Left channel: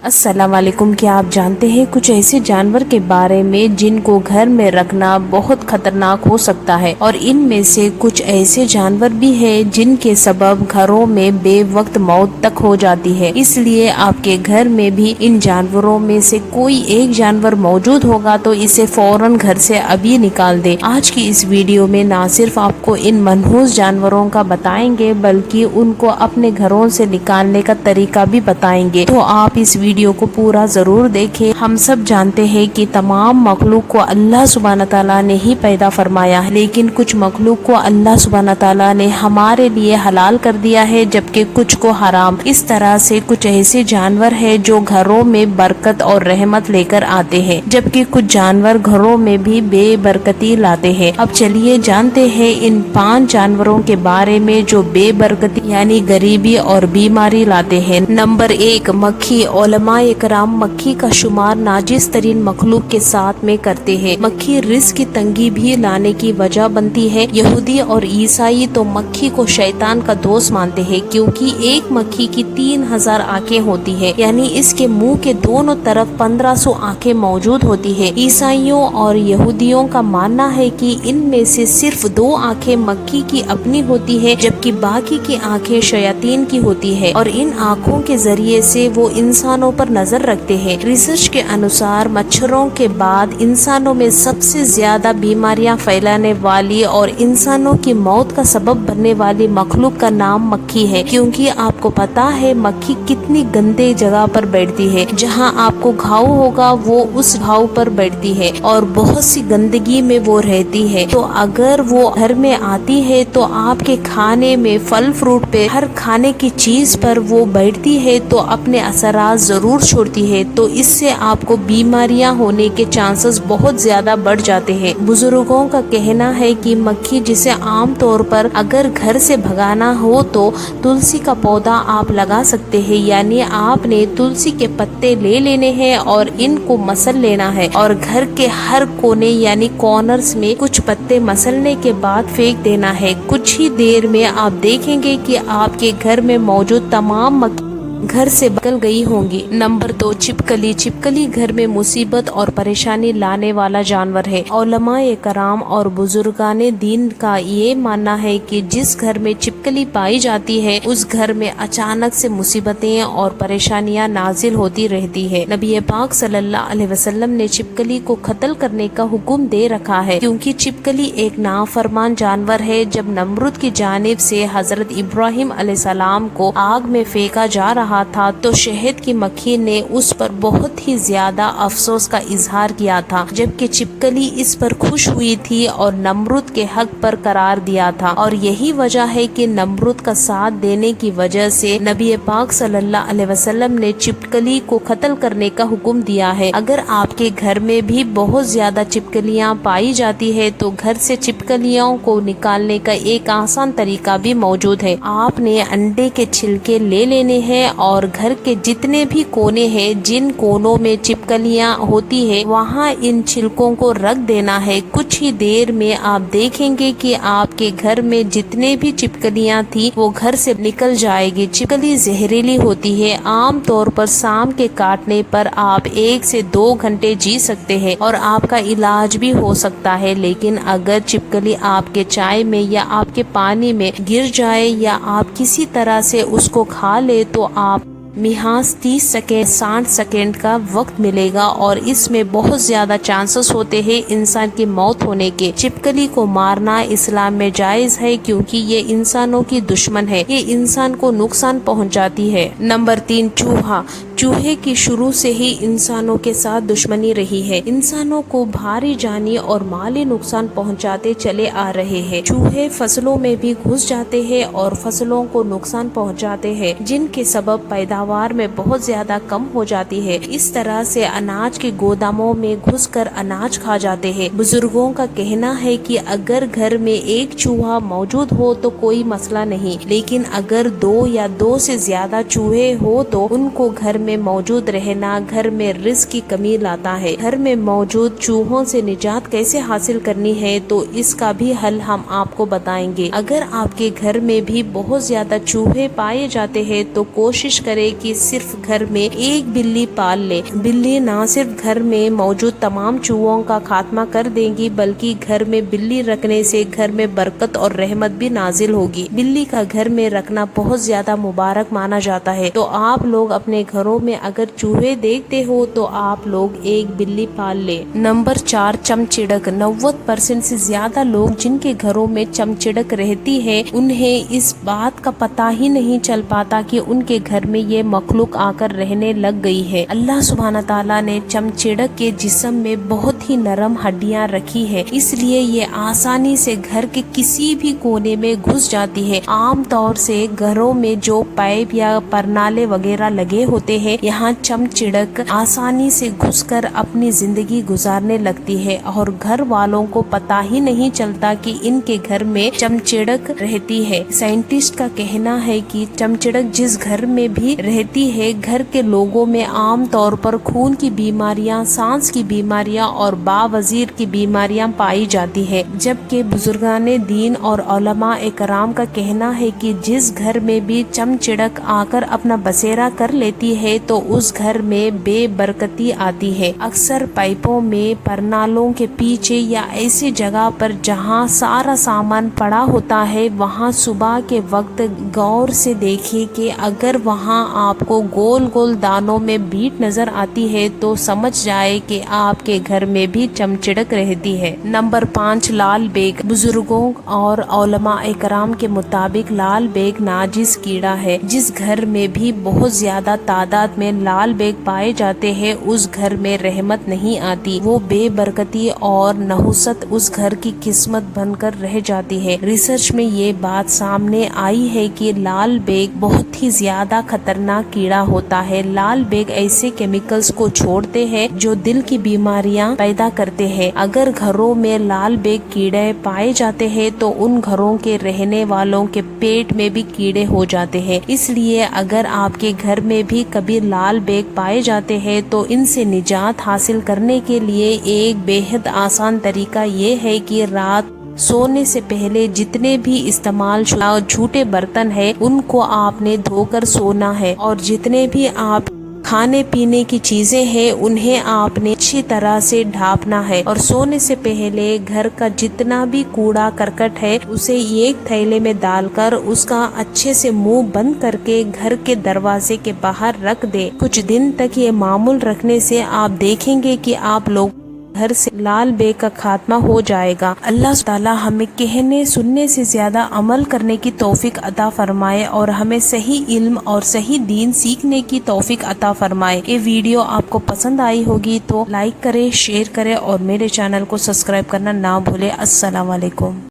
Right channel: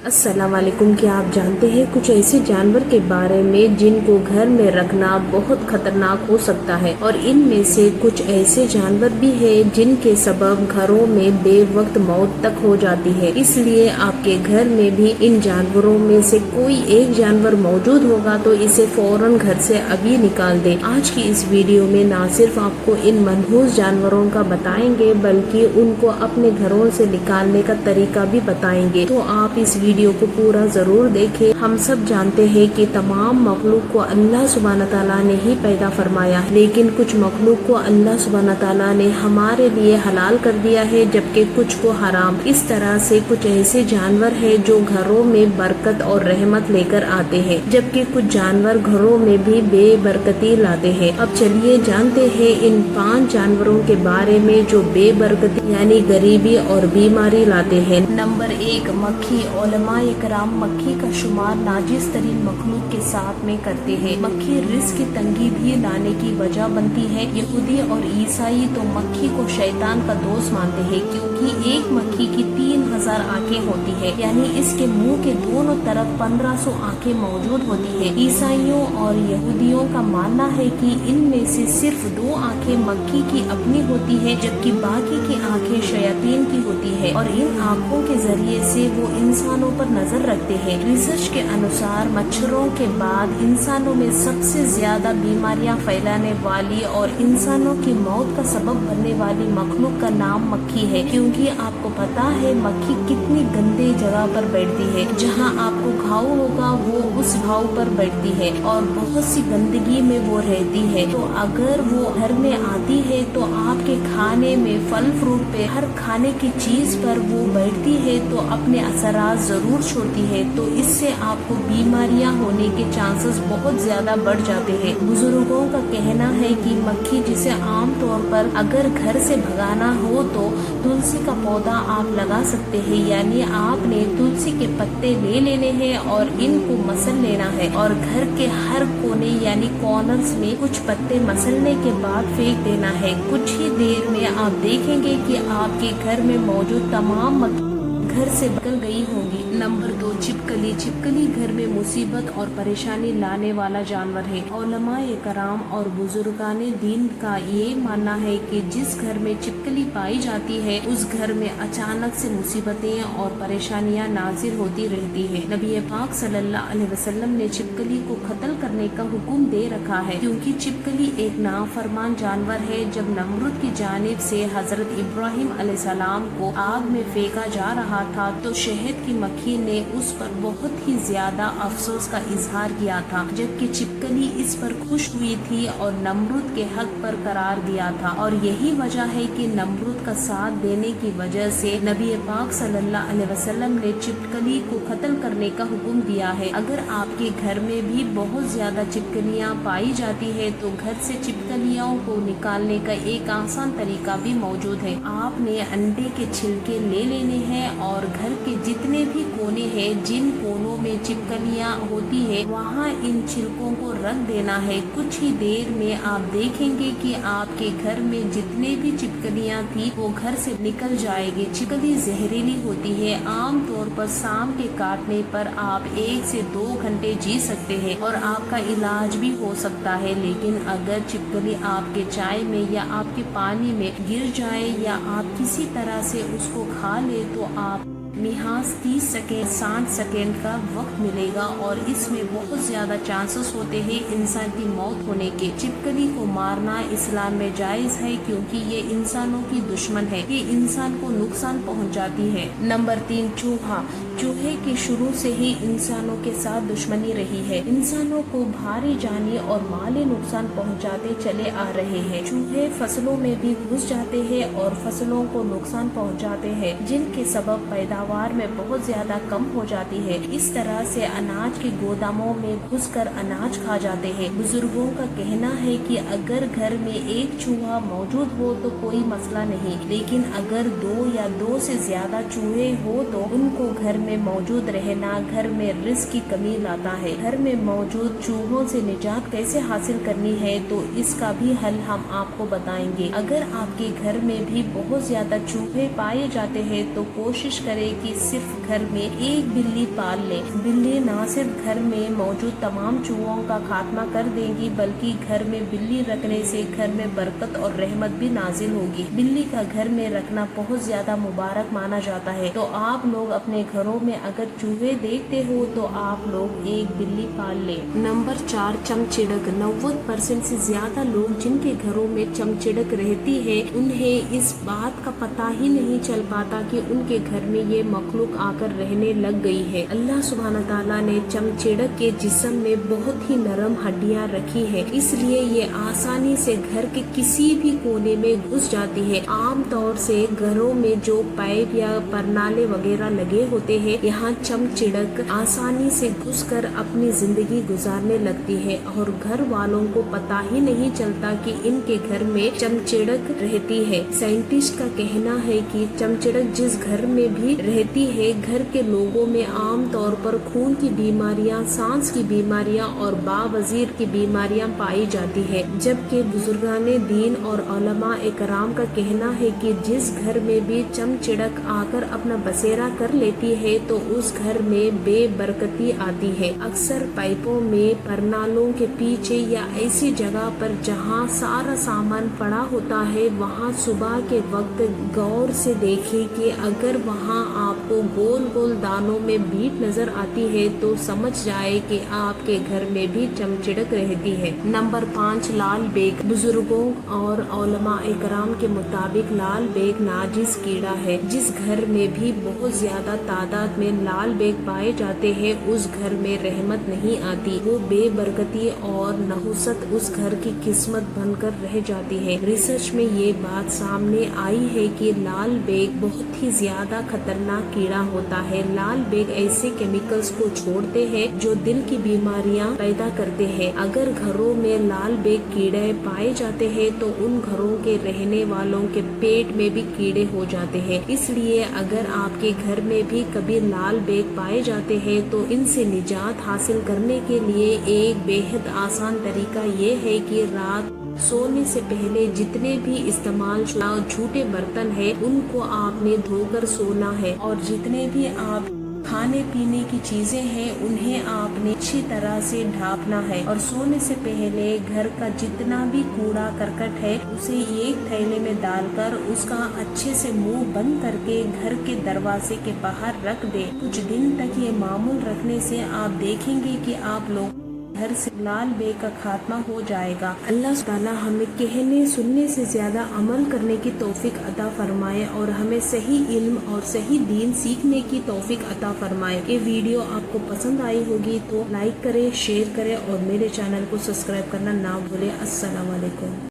अस्सलाम वालेकुम। क्या आप जानते हैं कुछ ऐसे जानवर के बारे में जिनको घर में रखना बहुत खतरनाक हो सकता है, और इनमें से कुछ ऐसे जानवर भी हैं जिनके सबब घरों में बेवक्त मौत तक हो जाती है। इसलिए आपके घर में भी इन जानवरों में से कोई एक जानवर मौजूद होगा तो इसे फौरन घर से अभी निकाल दे। आज की इस वीडियो में ना सिर्फ आपको इन मनहूस जानवरों का बताएंगे बल्कि उनको अपने घरों से निकालने का तरीका भी बताएंगे, तो आप इस वीडियो को पूरा जरूर देखें। हम सब जानते हैं कि तमाम मखलूक को अल्लाह सुब्हान तआला ने ही पैदा फरमाया है, लेकिन कुछ मखलूक को अल्लाह सुब्हान तआला ने हमारे लिए हलाल कर दिया है जबकि कुछ को हराम। इस तरह से कुछ ऐसे जानवर हैं जो घरों में बरकत और रहमत लेकर आते हैं, जबकि कुछ जानवर घरों में भी बेबरकती लाते हैं। अब चलिए जानते हैं इन 5 जानवरों के बारे में जो बेबरकती यानी गरीबी और बीमारी लाते हैं। नंबर 1, मक्खी। उलमाए कराम मक्खी का शुमार नाजिस तरीन मखलूक के साथ में करते हैं। मक्खी रिस्क की तंगी भी लाने की वजह बनती है। यहूदी और ईसाई तो मक्खी को शैतान का दोस्त मानते हैं, क्योंकि एक मक्खी की 3000 आंखें होती है, यानी इसके मुंह के दोनों तरफ 1500 आंखें मौजूद होती है। ईसाइयों और यहूदियों का मानना है कि इनमें से सिर्फ 2 आंखें मक्खी की अपनी होती है, जबकि बाकी की आंखें शयातीन की होती है, और इन आंखों के जरिए से वो इंसानों पर नजर रखते हैं। रिसर्च के अनुसार मच्छरों के बाद इंसानों में सबसे ज्यादा बीमारियां फैलाने वाली और इंसानों की मौत का सबब बनने वाली मखलूक का नाम मक्खी है, क्योंकि आपको पता है मक्खी कितनी गंदे जगह पर बैठती है। जहां आपको घाव होगा वो उस घाव पर बैठती है और बहुत सी गंदगी में वो रहती है। तो अगर वो घर में आती है तो आपके खाने में फल फ्रूट पे हर खाने की चीज पर वो बैठती है तो अपने असरात जरूर छोड़ती है, तो इससे आपको बीमारियां होने के चांसेस बहुत ज्यादा बढ़ जाते हैं। बुजुर्गों का कहना है कि मक्खी जिसे आम तौर पर अगर घर से भगाना हो तो तुलसी का पौधा आप लगा सकते हैं, यानी आपने तुलसी के पत्ते ले लेने हैं और इनको मसल लेना है और घर के हर कोने यानी कॉर्नर्स में कुछ पत्ते मसलने के बाद फेंक देना है। कुछ ही देर में आप देखेंगे कि आपके घर में मौजूद तमाम मक्खी घर से निकल गई होंगी। नंबर 2, छिपकली। छिपकली घर में मुसीबत और परेशानी लाने वाला जानवर है। उलमाए कराम और बुजुर्गाने दीन का ये मानना है कि जिस घर में छिपकली पाई जाती है उस घर में अचानक से मुसीबतें और परेशानियां नाजिल होती रहती है। नबी पाक सल्लल्लाहु अलैहि वसल्लम ने छिपकली को कत्ल करने का हुक्म दे रखा है, क्योंकि छिपकली एक नाफरमान जानवर है। जब नमरूद की जानिब से हजरत इब्राहिम अलैहिस्सलाम को आग में फेंका जा रहा था तो शहद की मक्खी ने उस पर बहुत ही ज्यादा अफसोस का इजहार किया था, जबकि छिपकली इस पर खुश हुई थी और नमरूद के हक पर करार दिया था। और यही वजह है कि नमरूद का साथ देने की वजह से नबी पाक सल्लल्लाहु अलैहि वसल्लम ने छिपकली को कत्ल करने का हुक्म दिया है। अगर आपके घर में भी बहुत ज्यादा छिपकलियां पाई जाती है तो घर से छिपकलियों को निकालने का एक आसान तरीका भी मौजूद है। आपने अंडे के छिलके ले लेने हैं और घर के जितने भी कोने हैं जिन कोनों में छिपकलियां होती है वहां इन छिलकों को रख देना है। कुछ ही देर में आप देखेंगे कि आपके घर में जितने भी छिपकलियां थी वो घर से निकल जाएगी। छिपकली जहरीली होती है। आम तौर पर शाम के काटने पर आप 1 से 2 घंटे जी सकते हैं और आपका इलाज भी हो सकता है, लेकिन अगर छिपकली आपके चाय में या आपके पानी में गिर जाए या आप किसी तरह से उसको खा ले तो आप मिहाज 30 सेकेंड 60 सेकेंड का वक्त मिलेगा और इसमें बहुत ज्यादा चांसेस होते हैं इंसान की मौत होने के। छिपकली को मारना इस्लाम में जायज है, क्योंकि ये इंसानों की दुश्मन है, ये इंसान को नुकसान पहुंचाती है। नंबर 3, चूहा। चूहे की शुरू से ही इंसानों के साथ दुश्मनी रही है। इंसानों को भारी जानी और माली नुकसान पहुंचाते चले आ रहे हैं। चूहे फसलों में भी घुस जाते हैं और फसलों को नुकसान पहुंचाते हैं, जिनके सबब पैदावार में बहुत ज्यादा कम हो जाती है। इस तरह से अनाज के गोदामों में घुसकर अनाज खा जाते हैं। बुजुर्गों का कहना है कि अगर घर में एक चूहा मौजूद हो तो कोई मसला नहीं, लेकिन अगर 2 या 2 से ज्यादा चूहे हो तो उनको घर में میں موجود رہنا گھر میں رزق کی کمی لاتا ہے۔ گھر میں موجود چوہوں سے نجات کیسے حاصل کرنی ہے تو اس کا بھی حل ہم آپ کو بتائیں گے۔ اگر آپ کے گھر میں بھی بہت زیادہ چوہے پائے جاتے ہیں تو کوشش کریں کہ صرف گھر میں ایک بلی پال لے۔ بلی نہ صرف گھر میں موجود تمام چوہوں کا خاتمہ کر دے گی بلکہ گھر میں بلی رکھنے سے گھر میں برکت اور رحمت بھی نازل ہوگی۔ بلی کا گھر میں رکھنا بہت زیادہ مبارک مانا جاتا ہے، تو آپ لوگ اپنے گھروں میں اگر چوہے دیکھتے ہو تو آپ لوگ ایک بلی پال لے۔ نمبر 4، چمچڑک۔ 90% سے زیادہ لوگ جن کے گھروں میں چمچڑک رہتی ہے انہیں اس بات کا پتہ ہی نہیں چل پاتا کہ ان کے گھر میں یہ مخلوق آ کر رہنے لگ گئی ہے۔ اللہ سبحانہ تعالیٰ نے چمچڑک کے جسم میں بہت ہی نرم ہڈیاں رکھی ہے، اس لیے یہ آسانی سے گھر کے کسی بھی کونے میں گھس جاتی ہے۔ عام طور سے گھروں میں جو پائپ یا پرنالے وغیرہ لگے ہوتے ہیں یہاں چمچڑک آسانی سے گھس کر اپنی زندگی گزارنے لگتی ہے اور گھر والوں کو پتہ ہی نہیں چلتا کہ ان کے گھر میں چمچڑک رہتی ہے۔ سائنٹسٹ کا کہنا ہے کہ چمچڑک جس گھر میں بھی رہتی ہے گھر کے لوگوں میں عام طور پر خون کی بیماریاں، سانس کی بیماریاں اور باوزیر کی بیماریاں پائی جاتی ہے، جبکہ بزرگان دین اور علماء کرام کا کہنا ہے کہ جس گھر میں بھی چمچڑک آ کر اپنا بسیرا کر لیتی ہے تو اس گھر میں بے برکتی آتی ہے۔ اکثر پائپوں میں، پرنالوں کے پیچھے یا ایسی جگہ پر جہاں سارا سامان پڑا ہوتا ہے وہاں صبح کے وقت غور سے دیکھیے کہ اگر وہاں آپ کو گول گول دانوں میں بیٹ نظر آتی ہے تو سمجھ جائے کہ آپ کے گھر میں بھی چمچڑک رہتی ہے۔ نمبر 5، لال بیگ۔ بزرگوں اور علماء کرام کے مطابق لال بیگ ناجس کیڑا ہے۔ جس گھر میں بھی بہت زیادہ تعداد میں لال بیگ پائے جاتے ہیں اس گھر میں رحمت نہیں آتی، وہ بے برکتی اور نحوست اس گھر کی قسمت بن کر رہ جاتی ہے۔ ریسرچ میں یہ بات سامنے آئی ہے کہ لال بیگ بہت ہی زیادہ خطرناک کیڑا ہوتا ہے۔ لال بیگ ایسے کیمیکلز کو چھوڑتے ہیں جو دل کی بیماریاں پیدا کرتے ہیں۔ اگر گھروں میں لال بیگ کیڑے پائے جاتے ہیں تو ان گھروں کے رہنے والوں کے پیٹ میں بھی کیڑے ہو جاتے ہیں۔ اس لیے اگر آپ کے گھر میں بھی کبھی لال بیگ پائے جاتے ہیں تو ان سے نجات حاصل کرنے کے لیے ایک بے حد آسان طریقہ یہ ہے کہ رات سونے سے پہلے جتنے بھی استعمال شدہ جھوٹے برتن ہیں ان کو آپ نے دھو کر سونا ہے، اور جتنے بھی آپ کھانے پینے کی چیزیں ہیں انہیں آپ نے اچھی طرح سے ڈھانپنا ہے، اور سونے سے پہلے گھر کا جتنا بھی کوڑا کرکٹ ہے اسے ایک تھیلے میں ڈال کر اس کا اچھے سے منہ بند کر کے گھر کے دروازے کے باہر رکھ دے۔ کچھ دن تک یہ معمول رکھنے سے آپ دیکھیں گے کہ آپ لوگ گھر سے لال بیگ کا خاتمہ ہو جائے گا۔ اللہ تعالی ہمیں کہنے سننے سے زیادہ عمل کرنے کی توفیق عطا فرمائے اور ہمیں صحیح علم اور صحیح دین سیکھنے کی توفیق عطا فرمائے۔ یہ ویڈیو آپ کو پسند آئی ہوگی تو لائک کریں، شیئر کریں اور میرے چینل کو سبسکرائب کرنا نہ بھولیں۔ السلام علیکم۔